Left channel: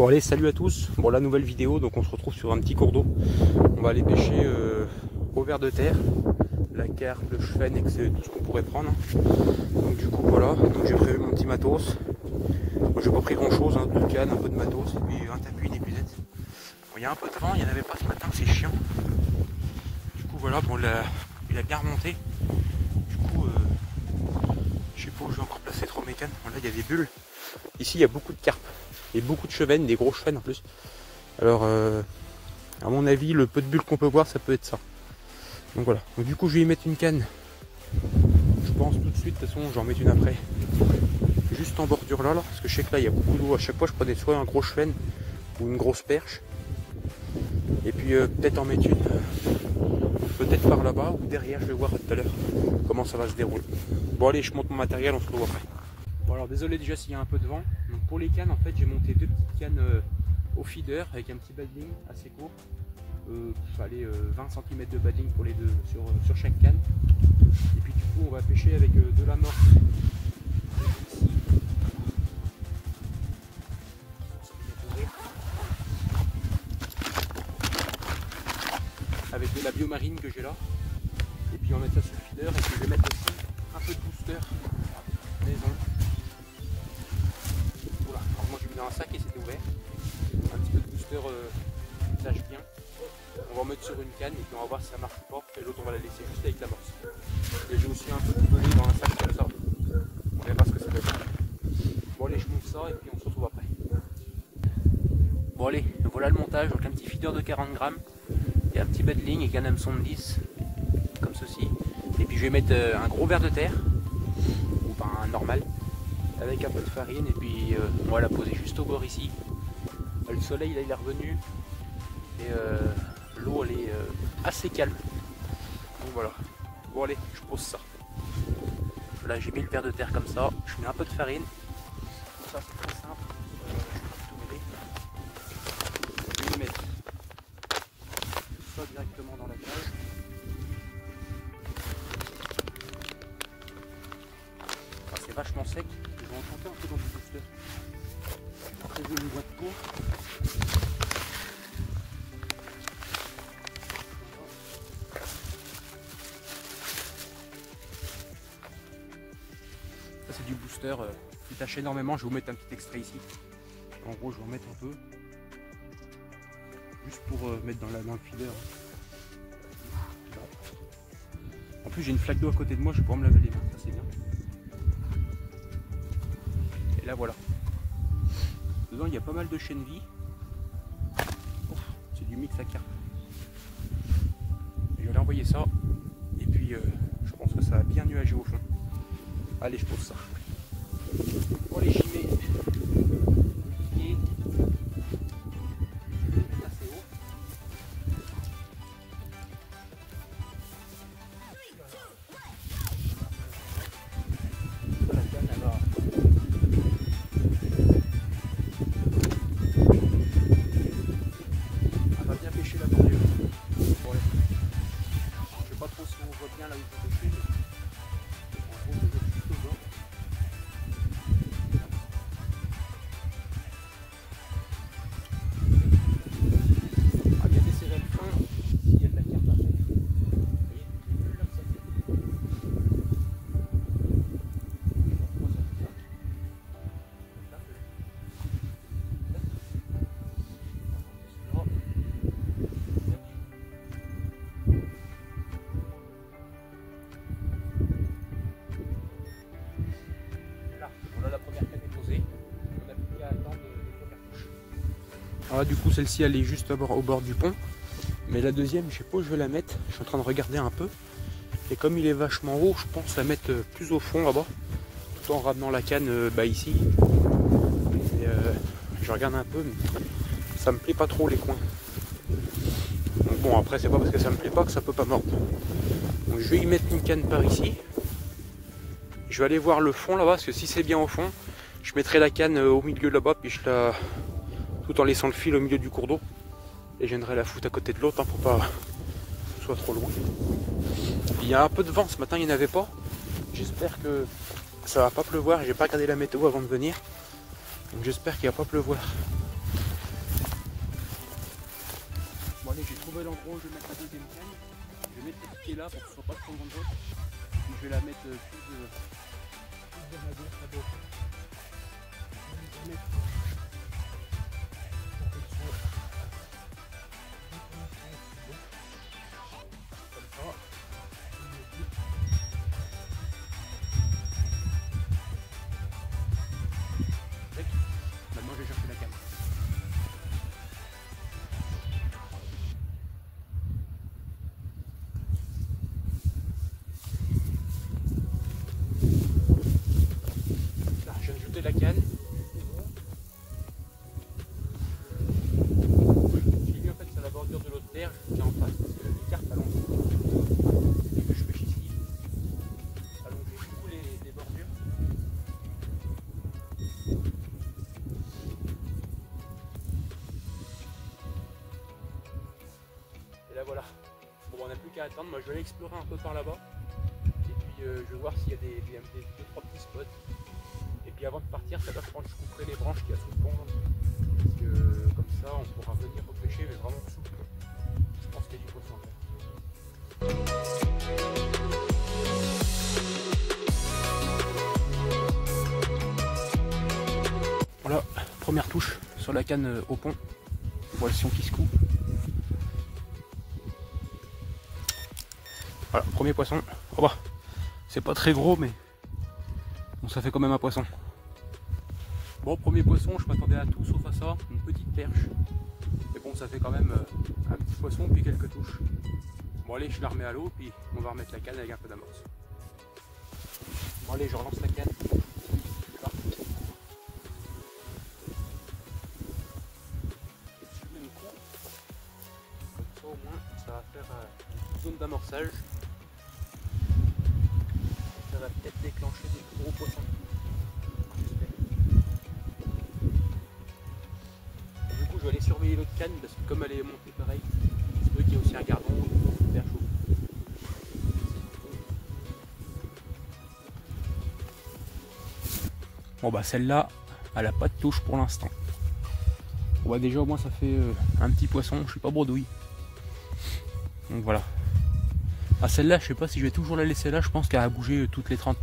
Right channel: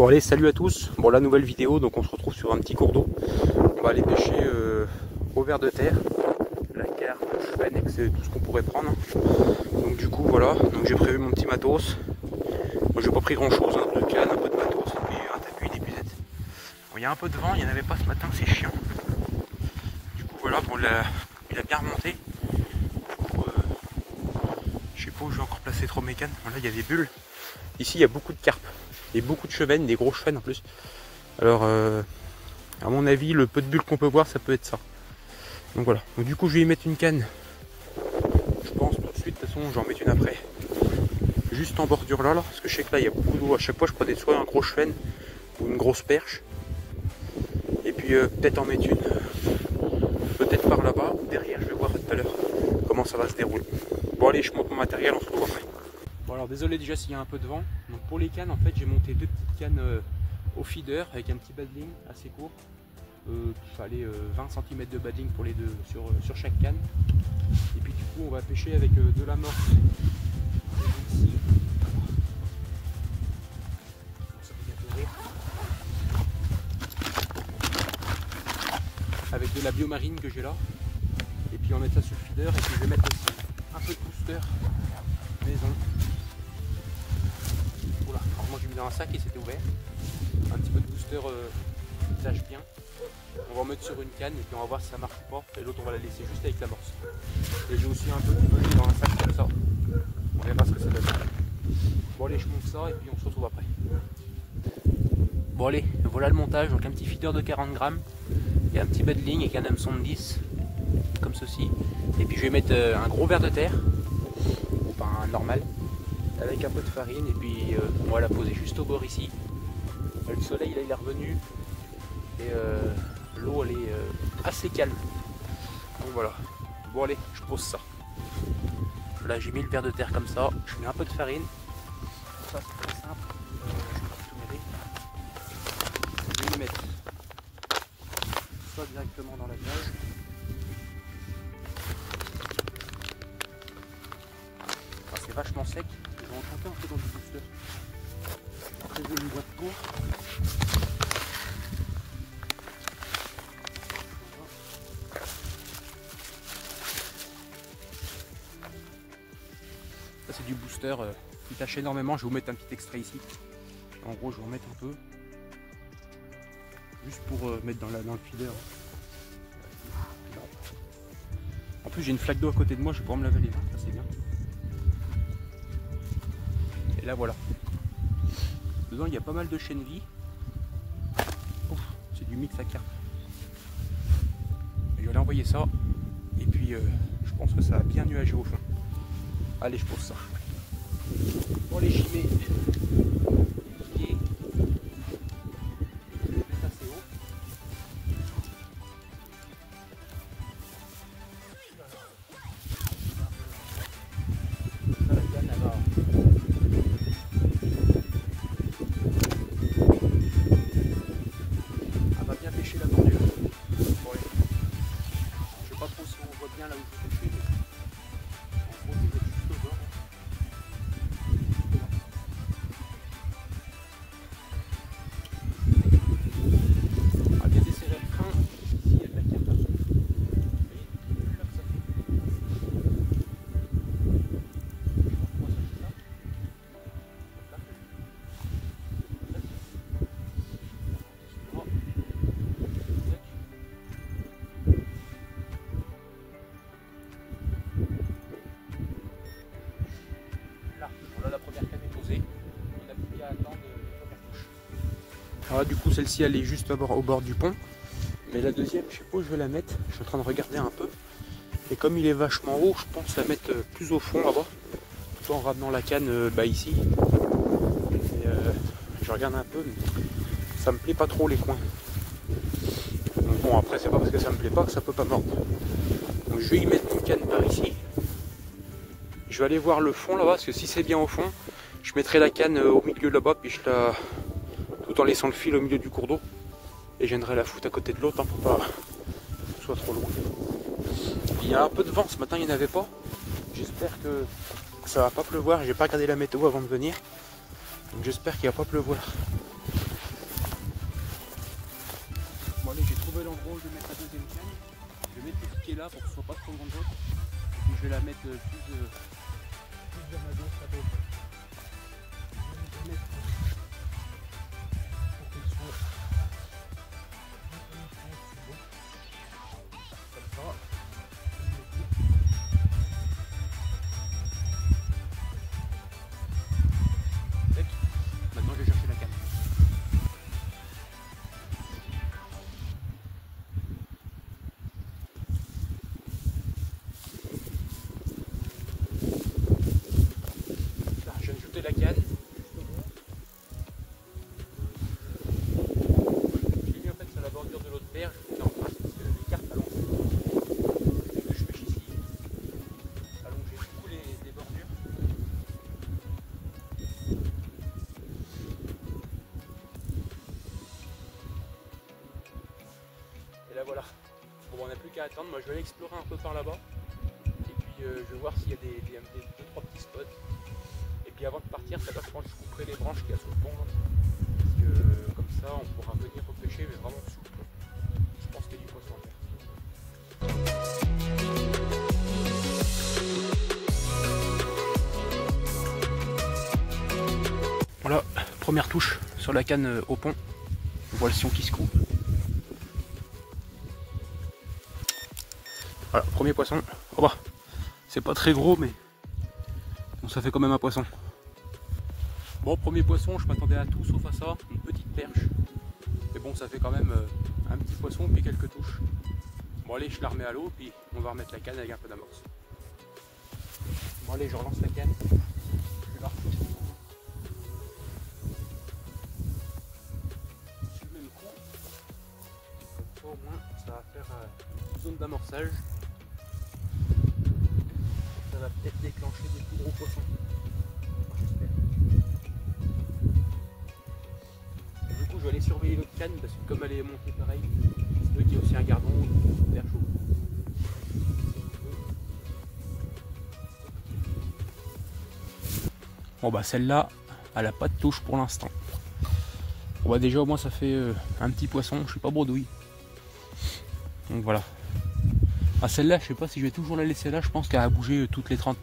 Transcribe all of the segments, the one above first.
Bon allez, salut à tous. Bon, la nouvelle vidéo, donc on se retrouve sur un petit cours d'eau. On va aller pêcher au ver de terre, la carpe, le cheven, c'est tout ce qu'on pourrait prendre. Donc du coup voilà, donc j'ai prévu mon petit matos. Moi j'ai pas pris grand chose, hein, 2 cannes, un peu de matos, et puis un tapis, une épuisette. Bon, il y a un peu de vent, il n'y en avait pas ce matin, c'est chiant. Du coup voilà, bon, il a bien remonté. Du coup, je sais pas où je vais encore placer trop mes cannes. Bon, là il y a des bulles. Ici il y a beaucoup de carpes. Et beaucoup de chevennes, des gros chevennes en plus. Alors, à mon avis, le peu de bulles qu'on peut voir, ça peut être ça. Donc voilà. Donc du coup, je vais y mettre une canne. Je pense tout de suite. De toute façon, j'en mets une après. Juste en bordure là, parce que je sais que là, il y a beaucoup d'eau. À chaque fois, je prenais soit un gros chevenne ou une grosse perche. Et puis peut-être en mettre une. Peut-être par là-bas ou derrière. Je vais voir tout à l'heure comment ça va se dérouler. Bon allez, je monte mon matériel. On se retrouve après. Bon alors désolé déjà s'il y a un peu de vent. Donc pour les cannes en fait j'ai monté 2 petites cannes au feeder avec un petit badling assez court. Il fallait 20 cm de badling pour les deux sur chaque canne. Et puis du coup on va pêcher avec de l'amorce. Avec de la biomarine que j'ai là. Et puis on va mettre ça sur le feeder et puis je vais mettre aussi un peu de booster maison. Voilà, alors moi j'ai mis dans un sac et c'était ouvert. Un petit peu de booster qui tâche bien. On va en mettre sur une canne et puis on va voir si ça marche ou pas. Et l'autre on va la laisser juste avec l'amorce. Et j'ai aussi un peu de bonnet dans un sac comme ça. On verra ce que ça donne. Bon allez, je monte ça et puis on se retrouve après. Bon allez, voilà le montage. Donc un petit feeder de 40 grammes. Il y a un petit badling et un hameçon de 10. Comme ceci. Et puis je vais mettre un gros ver de terre. Ou pas un normal. Avec un peu de farine et puis on va la poser juste au bord ici. Le soleil là il est revenu et l'eau elle est assez calme. Donc voilà. Bon allez, je pose ça. Là j'ai mis le ver de terre comme ça, je mets un peu de farine. Ça c'est très simple. Je vais mettre ça directement dans la cage. Ah, c'est vachement sec. Je vais en tremper un peu dans le booster. Après j'ai une boîte pour. Ça c'est du booster qui tâche énormément. Je vais vous mettre un petit extrait ici. En gros je vais en mettre un peu. Juste pour mettre dans le feeder. En plus j'ai une flaque d'eau à côté de moi, je vais pouvoir me laver les mains, ça c'est bien. Et là voilà. Dedans il y a pas mal de chenilles. C'est du mix à carpe. Je vais aller envoyer ça. Et puis je pense que ça a bien nuagé au fond. Allez, je pose ça. Pour les chimées. Assez haut. Ça, la canne, elle va. Elle va bien pêcher la bordure. Je sais pas trop si on voit bien là où je vais pêcher. En gros, je vais mettre juste au bord. On va bien desserrer le frein s'il y a de la carte à fond. Vous voyez, les bulles là que ça fait. Je vais voir comment ça fait ça. Voilà, la première canne est posée. On n'a plus qu'à attendre les premières touches. Alors là, du coup, celle-ci elle est juste au bord du pont. Mais la deuxième, je sais pas où je vais la mettre. Je suis en train de regarder un peu. Et comme il est vachement haut, je pense la mettre plus au fond là-bas. Tout en ramenant la canne ici. Et, je regarde un peu, mais ça me plaît pas trop les coins. Donc bon, après, c'est pas parce que ça me plaît pas que ça peut pas mordre. Donc je vais y mettre une canne par ici. Je vais aller voir le fond là-bas, parce que si c'est bien au fond, je mettrai la canne au milieu là-bas, puis je la... tout en laissant le fil au milieu du cours d'eau. Et je viendrai la foutre à côté de l'autre, hein, pour pas que ce soit trop loin. Il y a un peu de vent, ce matin il n'y en avait pas. J'espère que ça va pas pleuvoir, j'ai pas regardé la météo avant de venir. Donc j'espère qu'il va pas pleuvoir. Bon allez, j'ai trouvé l'endroit où je vais mettre la deuxième canne. Je vais mettre les piquets là pour que ce soit pas trop grande. Et puis je vais la mettre plus vers ma gauche là-bas. Je vais la mettre pour qu'elle soit comme ça. Maintenant je vais chercher la canne. Là, je viens de jeter la canne. Je l'ai mis en fait sur la bordure de l'autre berge qui est en face parce que les cartes allongent. Ce que je fais ici, allonger beaucoup les bordures. Et là voilà. Bon, on n'a plus qu'à attendre. Moi je vais aller explorer un peu par là-bas. Et puis je vais voir s'il y a des 2-3 petits spots. Et puis avant de partir, ça va, je pense que je couperai les branches qu'il y a sous le pont. Là. Parce que comme ça, on pourra venir repêcher, mais vraiment sous le pont. Je pense qu'il y a du poisson à faire. Voilà, première touche sur la canne au pont. On voit le sion qui se coupe. Voilà, premier poisson. Oh bah, c'est pas très gros, mais bon, ça fait quand même un poisson. Bon, premier poisson, je m'attendais à tout sauf à ça, une petite perche. Mais bon, ça fait quand même un petit poisson puis quelques touches. Bon allez, je la remets à l'eau puis on va remettre la canne avec un peu d'amorce. Bon allez, je relance la canne. Je vais la refaire du coup. Du même coup. Comme ça au moins, ça va faire une zone d'amorçage. Ça va peut-être déclencher des plus gros poissons. J'espère. Du coup, je vais aller surveiller l'autre canne parce que comme elle est montée pareil, c'est peut qu'il y a aussi un gardon ou une perche au bout. Bon bah celle-là, elle a pas de touche pour l'instant. Bon bah déjà au moins ça fait un petit poisson, je suis pas bredouille. Donc voilà. Ah celle-là, je sais pas si je vais toujours la laisser là, je pense qu'elle va bouger toutes les 30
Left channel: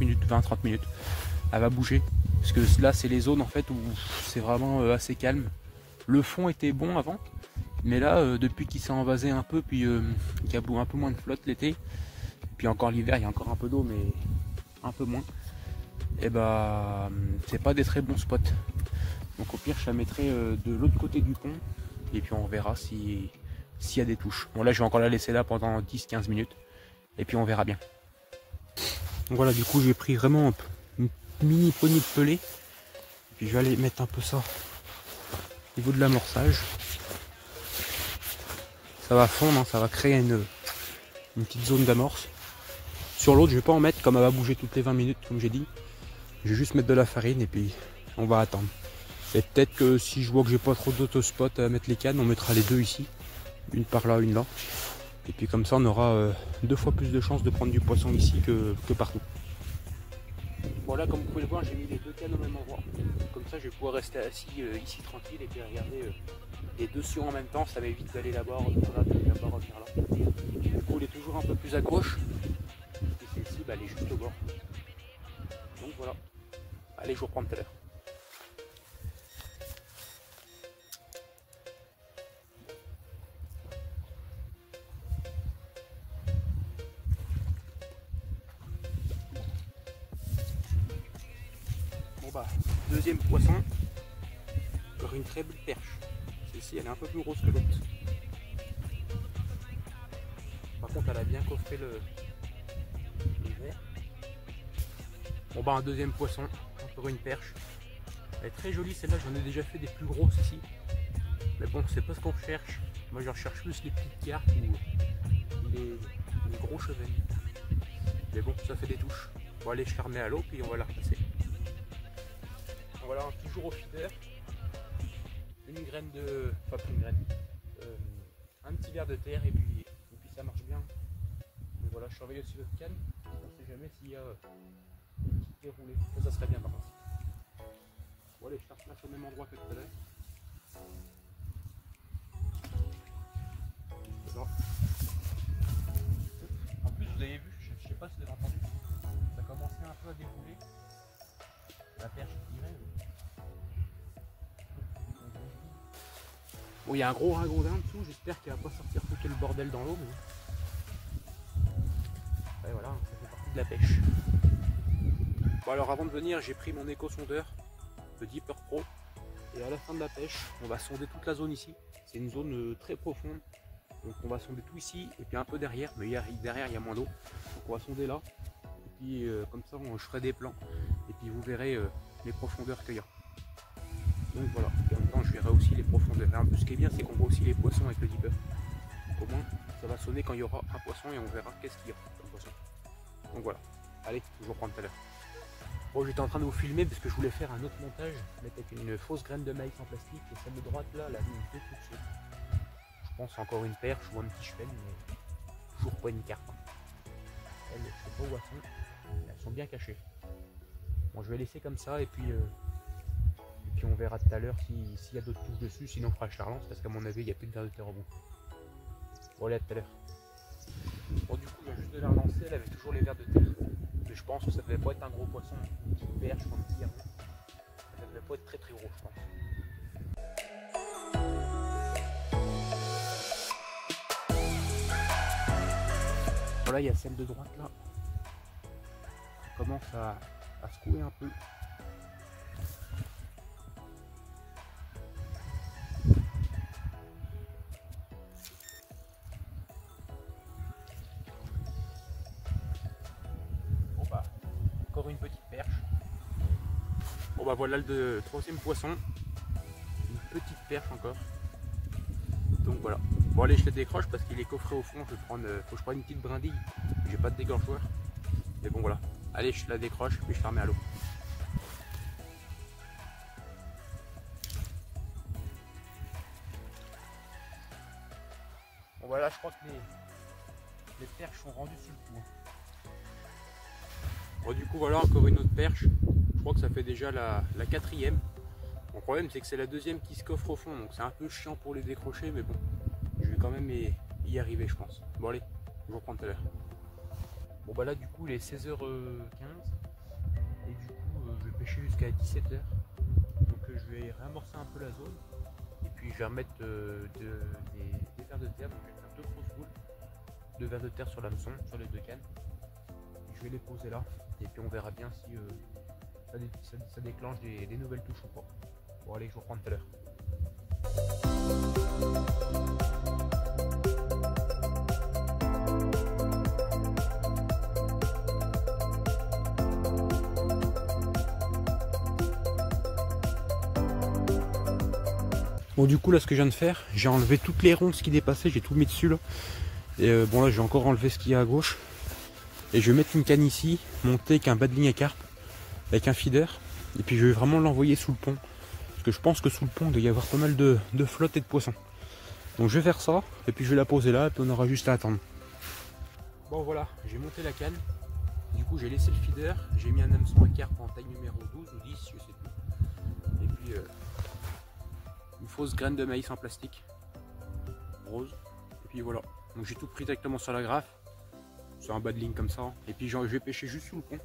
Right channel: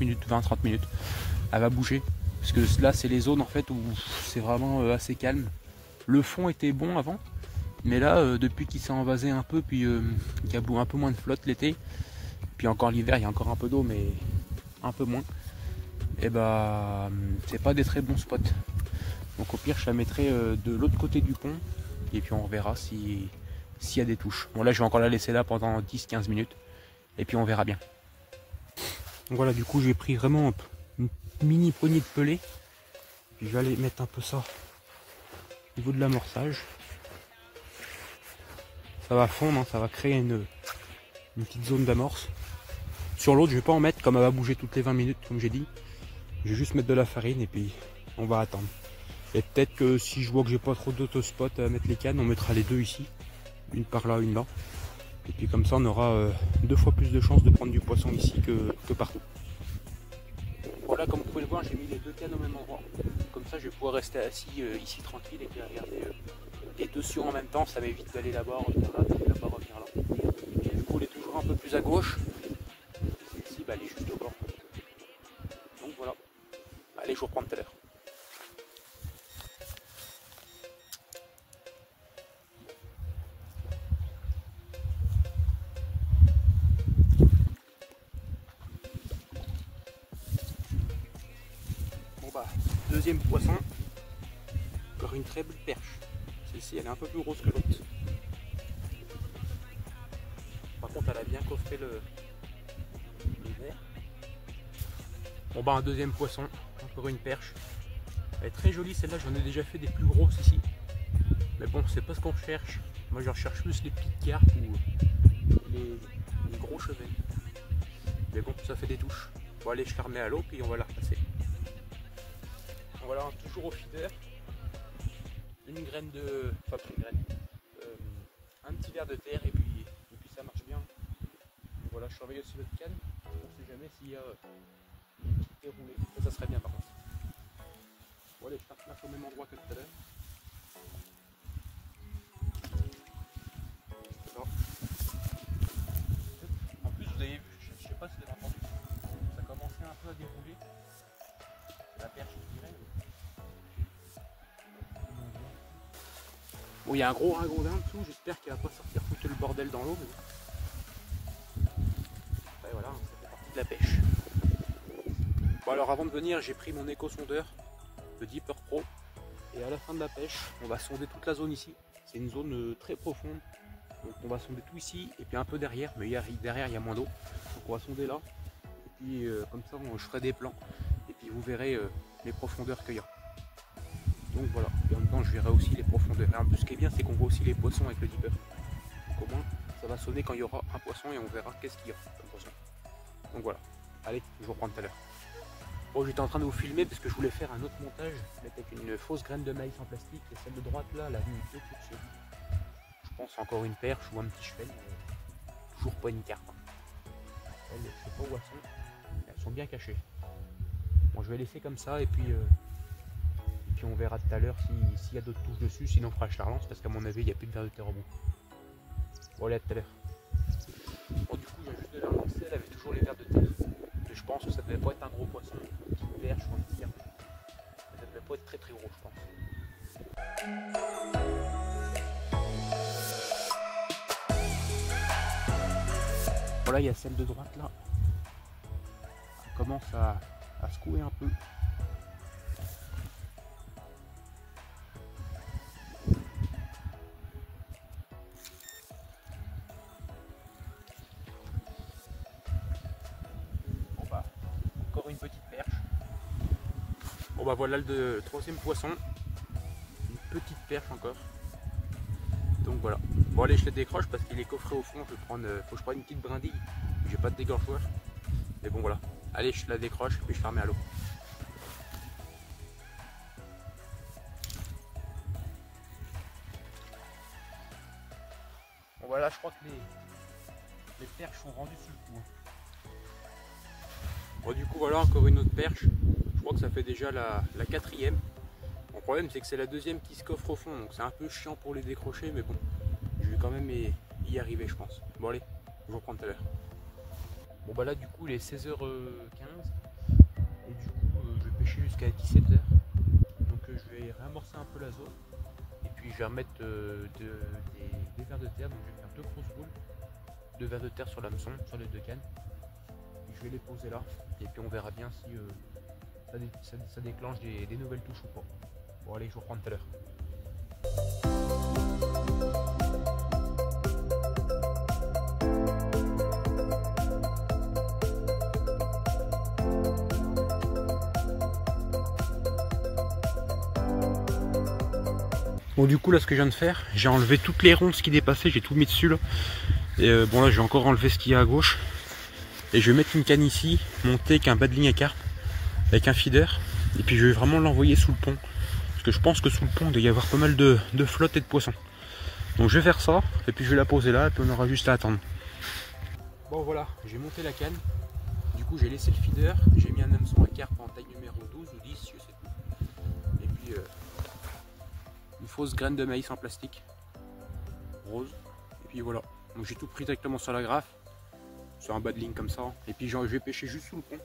minutes, 20-30 minutes. Elle va bouger. Parce que là c'est les zones en fait où c'est vraiment assez calme. Le fond était bon avant, mais là depuis qu'il s'est envasé un peu, puis qu'il y a un peu moins de flotte l'été, puis encore l'hiver il y a encore un peu d'eau mais un peu moins, et bah c'est pas des très bons spots. Donc au pire je la mettrai de l'autre côté du pont et puis on verra s'il y a des touches. Bon là je vais encore la laisser là pendant 10-15 minutes et puis on verra bien. Donc voilà, du coup j'ai pris vraiment une mini poignée de pelée. Puis je vais aller mettre un peu ça au niveau de l'amorçage. Ça va fondre, hein, ça va créer une petite zone d'amorce. Sur l'autre je vais pas en mettre comme elle va bouger toutes les 20 minutes comme j'ai dit. Je vais juste mettre de la farine et puis on va attendre. Et peut-être que si je vois que j'ai pas trop d'autospots à mettre les cannes, on mettra les deux ici. Une par là, une là. Et puis comme ça on aura 2 fois plus de chances de prendre du poisson ici que partout. Voilà, comme vous pouvez le voir, j'ai mis les deux cannes au même endroit. Comme ça je vais pouvoir rester assis ici tranquille et puis regarder les deux sur en même temps. Ça m'évite d'aller là-bas, revenir là, d'aller là-bas, revenir là. Du coup elle est toujours un peu plus à gauche. Et celle-ci, bah, elle est juste au bord. Donc voilà. Allez, je vous reprends tout à l'heure. Bon bah, deuxième poisson. Encore une très belle perche. Celle-ci, elle est un peu plus grosse que l'autre. Par contre, elle a bien coffré le verre. Bon bah, un deuxième poisson. Encore une perche. Elle est très jolie celle-là, j'en ai déjà fait des plus grosses ici. Mais bon, c'est pas ce qu'on recherche. Moi je recherche plus les petites carpes ou les gros chevets. Mais bon, ça fait des touches. Bon allez, je la remets à l'eau puis on va la repasser. Voilà, toujours au feeder. Une graine de... Enfin, une graine. Un petit verre de terre et puis ça marche bien. Et voilà, je surveille aussi notre canne. On ne sait jamais s'il y a une petite terre roulée. Ça serait bien par contre. Bon allez, je la replace au même endroit que tout à l'heure. Bon, il y a un gros ragondin en dessous, j'espère qu'il va pas sortir foutre le bordel dans l'eau. Mais... et voilà, ça fait partie de la pêche. Bon alors avant de venir, j'ai pris mon éco-sondeur, le Deeper Pro. Et à la fin de la pêche, on va sonder toute la zone ici. C'est une zone très profonde. Donc on va sonder tout ici et puis un peu derrière, mais derrière il y a moins d'eau. Donc on va sonder là. Et puis comme ça je ferai des plans. Et puis vous verrez les profondeurs qu'il y a. Donc voilà, et en même temps je verrai aussi les profondeurs. Et en plus ce qui est bien c'est qu'on voit aussi les poissons avec le Deeper. Donc au moins ça va sonner quand il y aura un poisson et on verra qu'est-ce qu'il y a comme poisson. Donc voilà, allez, je vous reprends tout à l'heure. Bon, j'étais en train de vous filmer parce que je voulais faire un autre montage avec une fausse graine de maïs en plastique et celle de droite là, elle a mis une petite dessus. Je pense encore une perche ou un petit cheval, mais toujours pas une carpe. Elles, je sais pas où elles sont, elles sont bien cachées. Bon, je vais laisser comme ça et puis on verra tout à l'heure s'il y a d'autres touches dessus, sinon on fera le charlance parce qu'à mon avis il n'y a plus de vers de terre au bout. Bon, allez, à tout à l'heure. Bon, du coup, il y a juste de la relancer, elle avait toujours les vers de terre. Mais je pense que ça devait pas être un gros poisson, une petite perche ou un petit herbe. Ça devait pas être très très gros, je pense. Voilà, il y a celle de droite là. Elle commence à secouer un peu. Bon bah, encore une petite perche. Bon bah voilà le troisième poisson. Une petite perche encore. Donc voilà. Bon allez, je le décroche parce qu'il est coffré au fond. Faut que je prenne une petite brindille. J'ai pas de dégorgeoir. Mais bon voilà. Allez, je la décroche puis je la remets à l'eau. Bon voilà, je crois que les perches sont rendues sur le coup. Bon du coup voilà encore une autre perche. Je crois que ça fait déjà la quatrième. Le problème c'est que c'est la deuxième qui se coffre au fond. Donc c'est un peu chiant pour les décrocher. Mais bon, je vais quand même y arriver je pense. Bon allez, je vous reprends tout à l'heure. Bon bah là du coup il est 16h15. Et du coup je vais pêcher jusqu'à 17h. Donc je vais réamorcer un peu la zone. Et puis je vais remettre des vers de terre. Donc je vais faire 2 grosses boules de vers de terre sur l'hameçon, sur les 2 cannes. Et je vais les poser là. Et puis on verra bien si ça déclenche des nouvelles touches ou pas. Bon allez, je vous reprends tout à l'heure. Bon du coup là ce que je viens de faire, j'ai enlevé toutes les ronces qui dépassaient, j'ai tout mis dessus là. Et bon là j'ai encore enlevé ce qu'il y a à gauche. Et je vais mettre une canne ici, montée avec un bas de ligne à carpe, avec un feeder. Et puis je vais vraiment l'envoyer sous le pont. Parce que je pense que sous le pont il doit y avoir pas mal de flotte et de poissons. Donc je vais faire ça, et puis je vais la poser là, et puis on aura juste à attendre. Bon voilà, j'ai monté la canne. Du coup j'ai laissé le feeder, j'ai mis un hameçon à carpe en taille numéro 12 ou 10, je sais plus. Et puis une fausse graine de maïs en plastique rose. Et puis voilà, donc j'ai tout pris directement sur la graffe, sur un bas de ligne comme ça. Et puis je vais pêcher juste sous le pont,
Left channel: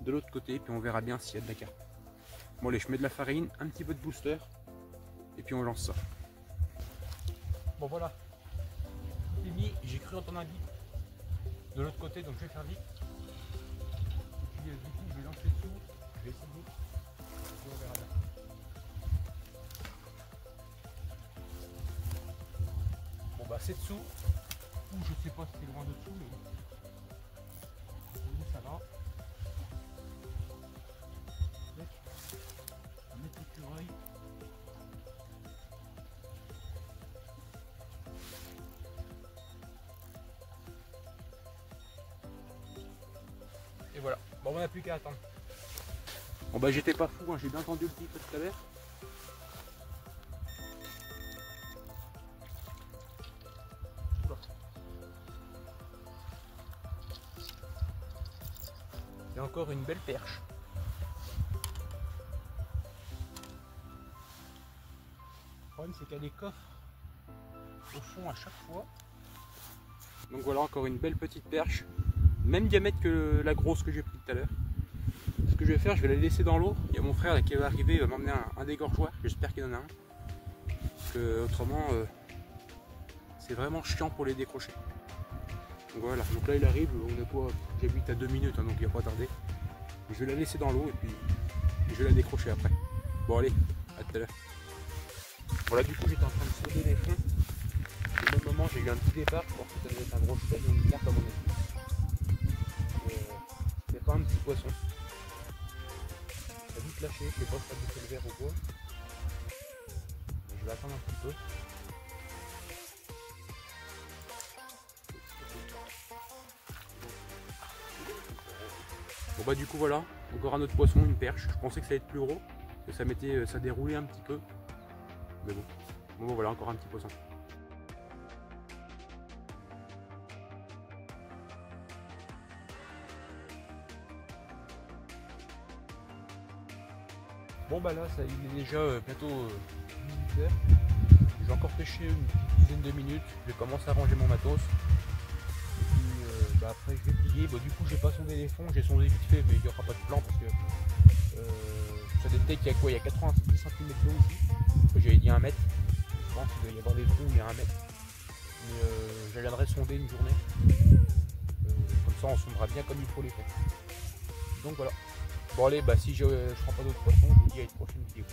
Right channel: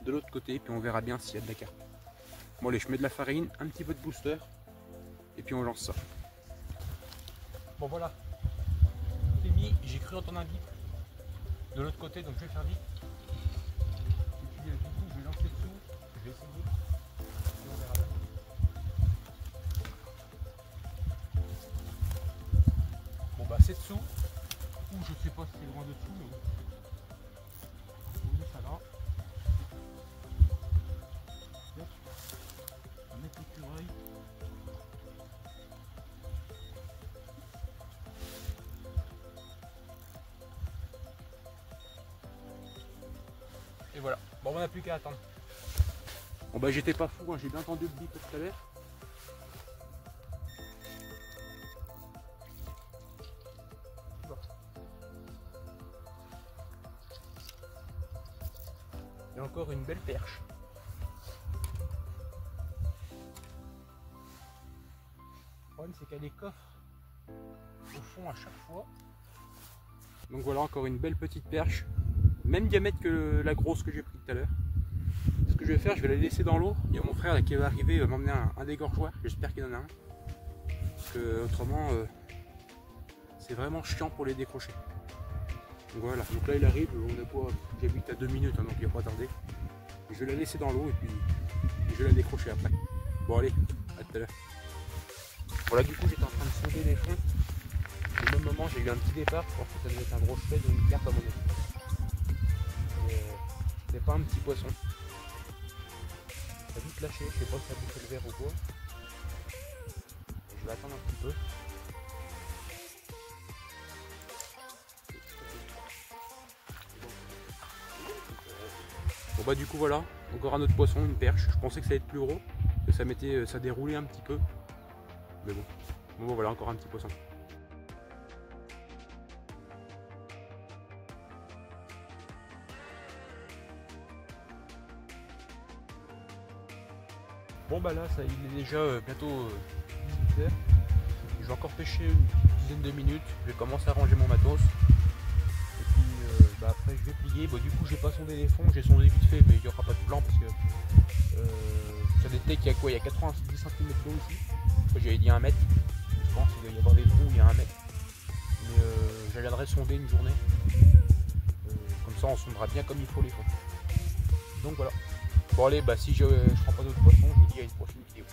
de l'autre côté, puis on verra bien s'il y a de la carpe. Bon allez, je mets de la farine, un petit peu de booster, et puis on lance ça. Bon voilà, tout est mis, j'ai cru entendre un bip de l'autre côté, donc je vais faire vite. Et puis du coup je vais lancer dessous, je vais essayer, et on verra bien. Bon bah c'est dessous, ou je sais pas si c'est loin de dessous, mais on va poser ça là. On va mettre l'écureuil. Et voilà, bon on n'a plus qu'à attendre. Bon bah j'étais pas fou, hein. J'ai bien entendu le bip tout à l'heure. Il y a encore une belle perche. Le problème c'est qu'elle est coffre au fond à chaque fois. Donc voilà encore une belle petite perche. Même diamètre que la grosse que j'ai pris tout à l'heure. Ce que je vais faire, je vais la laisser dans l'eau. Il y a mon frère là qui va arriver, il va m'emmener un dégorgeoir. J'espère qu'il en a un. Parce que autrement, c'est vraiment chiant pour les décrocher. Donc voilà, donc là il arrive, on est quoi, j'habite à 2 minutes, hein, donc il va pas tarder. Je vais la laisser dans l'eau et puis je vais la décrocher après. Bon allez, à tout à l'heure. Voilà, du coup j'étais en train de sonder les fonds. Au même moment j'ai eu un petit départ, je pensais que ça devait être un gros cheveu ou une carpe à mon avis. C'est pas un petit poisson. Ça a vite lâché, je sais pas si ça a bouffé le verre ou quoi. Je vais attendre un petit peu. Bon bah du coup voilà, encore un autre poisson, une perche. Je pensais que ça allait être plus gros, que ça déroulait un petit peu. Mais bon, bon voilà, encore un petit poisson. Bon bah là, ça, il est déjà bientôt 18 h. Je vais encore pêcher une dizaine de minutes. Je vais commencer à ranger mon matos. Et puis bah après je vais plier. Bah, du coup j'ai pas sondé les fonds, j'ai sondé vite fait, mais il n'y aura pas de plan parce que ça détecte qu'il y a quoi, il y a 90 cm d'eau ici. J'avais dit 1 mètre. Je pense qu'il doit y avoir des trous où il y a 1 mètre. Mais je viendrai sonder une journée. Comme ça on sondera bien comme il faut les fonds. Donc voilà. Bon allez, bah si je prends pas d'autres poissons, je vous dis à une prochaine vidéo.